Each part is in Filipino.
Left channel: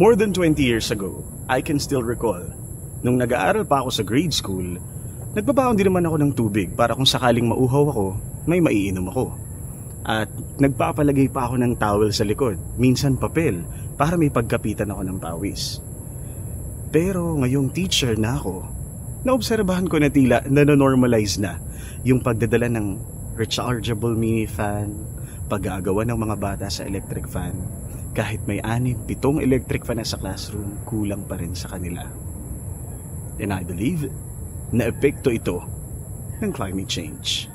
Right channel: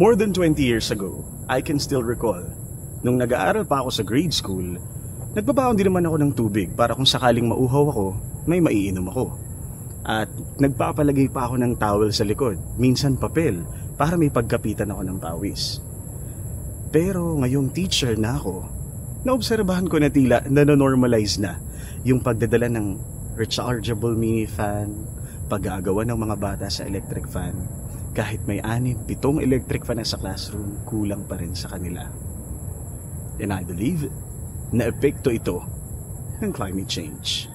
More than 20 years ago, I can still recall, nung nag-aaral pa ako sa grade school, nagbabaon din naman ako ng tubig para kung sakaling mauhaw ako, may maiinom ako. At nagpapalagay pa ako ng towel sa likod, minsan papel, para may pagkapitan ako ng pawis. Pero ngayong teacher na ako, naobserbahan ko na tila nanonormalize na yung pagdadala ng rechargeable mini fan, pag-aagawan ng mga bata sa electric fan. Kahit may 6-7 electric fan na sa classroom, kulang pa rin sa kanila. And I believe na epekto ito ng climate change.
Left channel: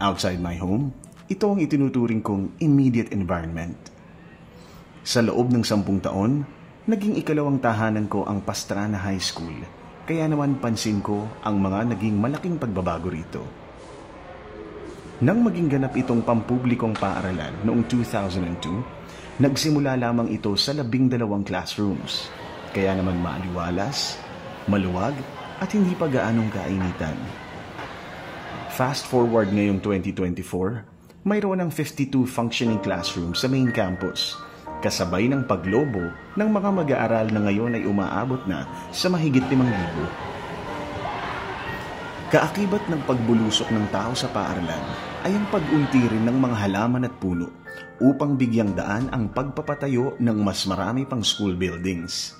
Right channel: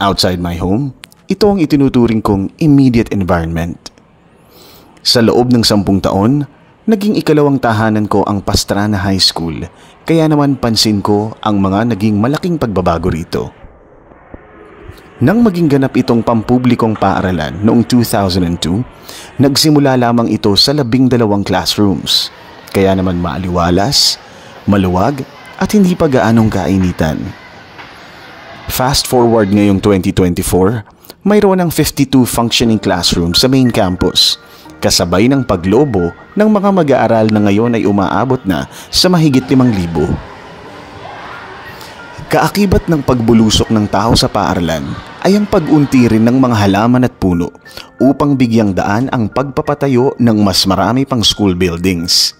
Outside my home, ito ang itinuturing kong immediate environment. Sa loob ng 10 taon, naging ikalawang tahanan ko ang Pastrana High School, kaya naman pansin ko ang mga naging malaking pagbabago rito. Nang maging ganap itong pampublikong paaralan noong 2002, nagsimula lamang ito sa 12 classrooms, kaya naman maaliwalas, maluwag at hindi pa gaanong kainitan. Fast forward ngayong 2024, mayroon ng 52 functioning classrooms sa main campus, kasabay ng paglobo ng mga mag-aaral na ngayon ay umaabot na sa mahigit 5,000. Kaakibat ng pagbulusok ng tao sa paaralan ay ang pag-unti rin ng mga halaman at puno upang bigyang daan ang pagpapatayo ng mas marami pang school buildings.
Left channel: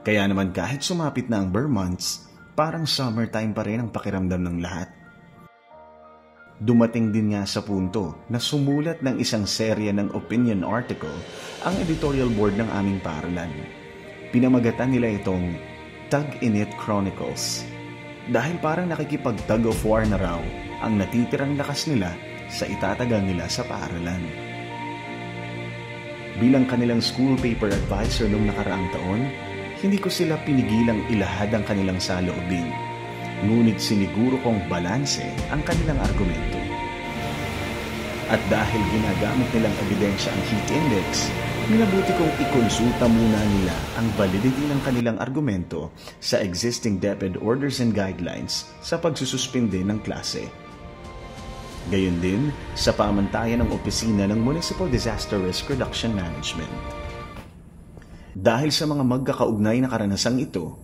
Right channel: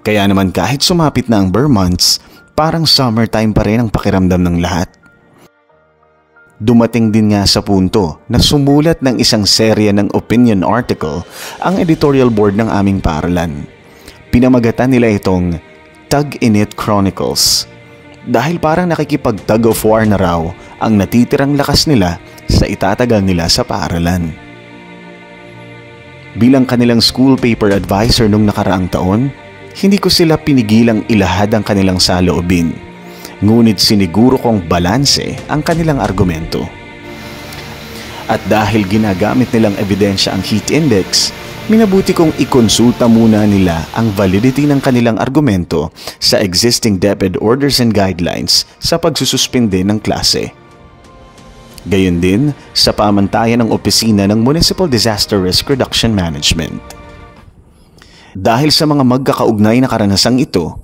Kaya naman kahit sumapit na ang Burr months, parang summertime pa rin ang pakiramdam ng lahat. Dumating din nga sa punto na sumulat ng isang serya ng opinion article ang editorial board ng aming paaralan. Pinamagatan nila itong Tug-Init Chronicles dahil parang nakikipag-tug of war na raw ang natitirang lakas nila sa itatagal nila sa paaralan. Bilang kanilang school paper advisor nung nakaraang taon, hindi ko sila pinigilang ilahad ang kanilang saloobin. Ngunit siniguro kong balanse ang kanilang argumento. At dahil ginagamit nilang ebidensya ang heat index, minabuti kong ikonsulta muna nila ang validity ng kanilang argumento sa existing DepEd orders and guidelines sa pagsususpinde ng klase. Gayon din sa pamantayan ng opisina ng Municipal Disaster Risk Reduction Management. Dahil sa mga magkakaugnay na karanasang ito,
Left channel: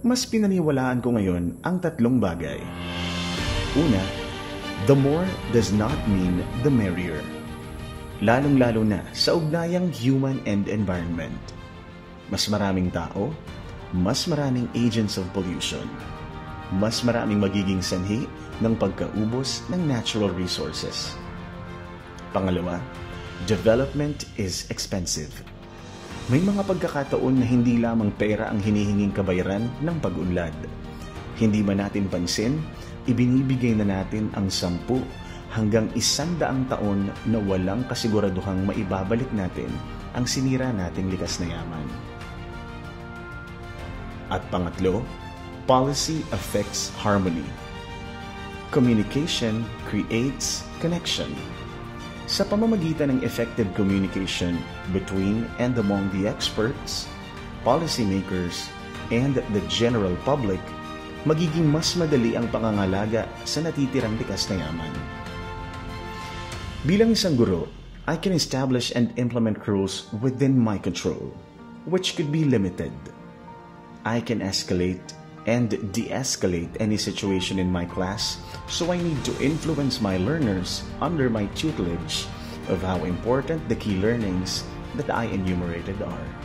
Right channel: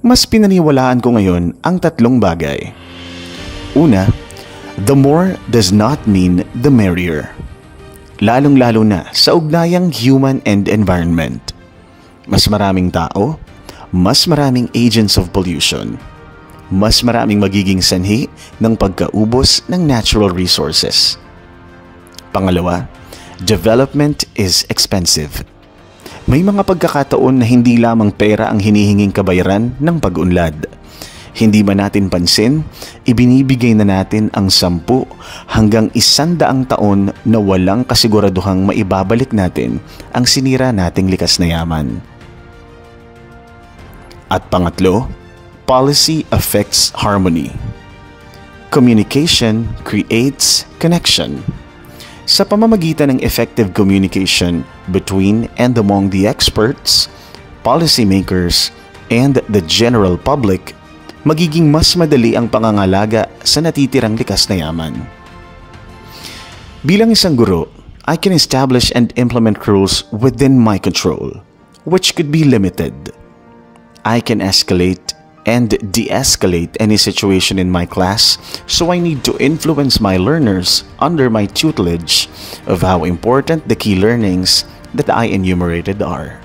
mas pinaniwalaan ko ngayon ang 3 bagay. Una, the more does not mean the merrier. Lalong-lalo na sa ugnayang human and environment. Mas maraming tao, mas maraming agents of pollution. Mas maraming magiging sanhi ng pagkaubos ng natural resources. Pangalawa, development is expensive. May mga pagkakataon na hindi lamang pera ang hinihinging kabayaran ng pag-unlad. Hindi man natin pansin, ibinibigay na natin ang 10 hanggang 100 taon na walang kasiguraduhang maibabalik natin ang sinira nating likas na yaman. At pangatlo, policy affects harmony. Communication creates connection. Sa pamamagitan ng effective communication between and among the experts, policymakers, and the general public, magiging mas madali ang pangangalaga sa natitirang likas na yaman. Bilang isang guro, I can establish and implement rules within my control, which could be limited. I can escalate and de-escalate any situation in my class, so I need to influence my learners under my tutelage of how important the key learnings that I enumerated are.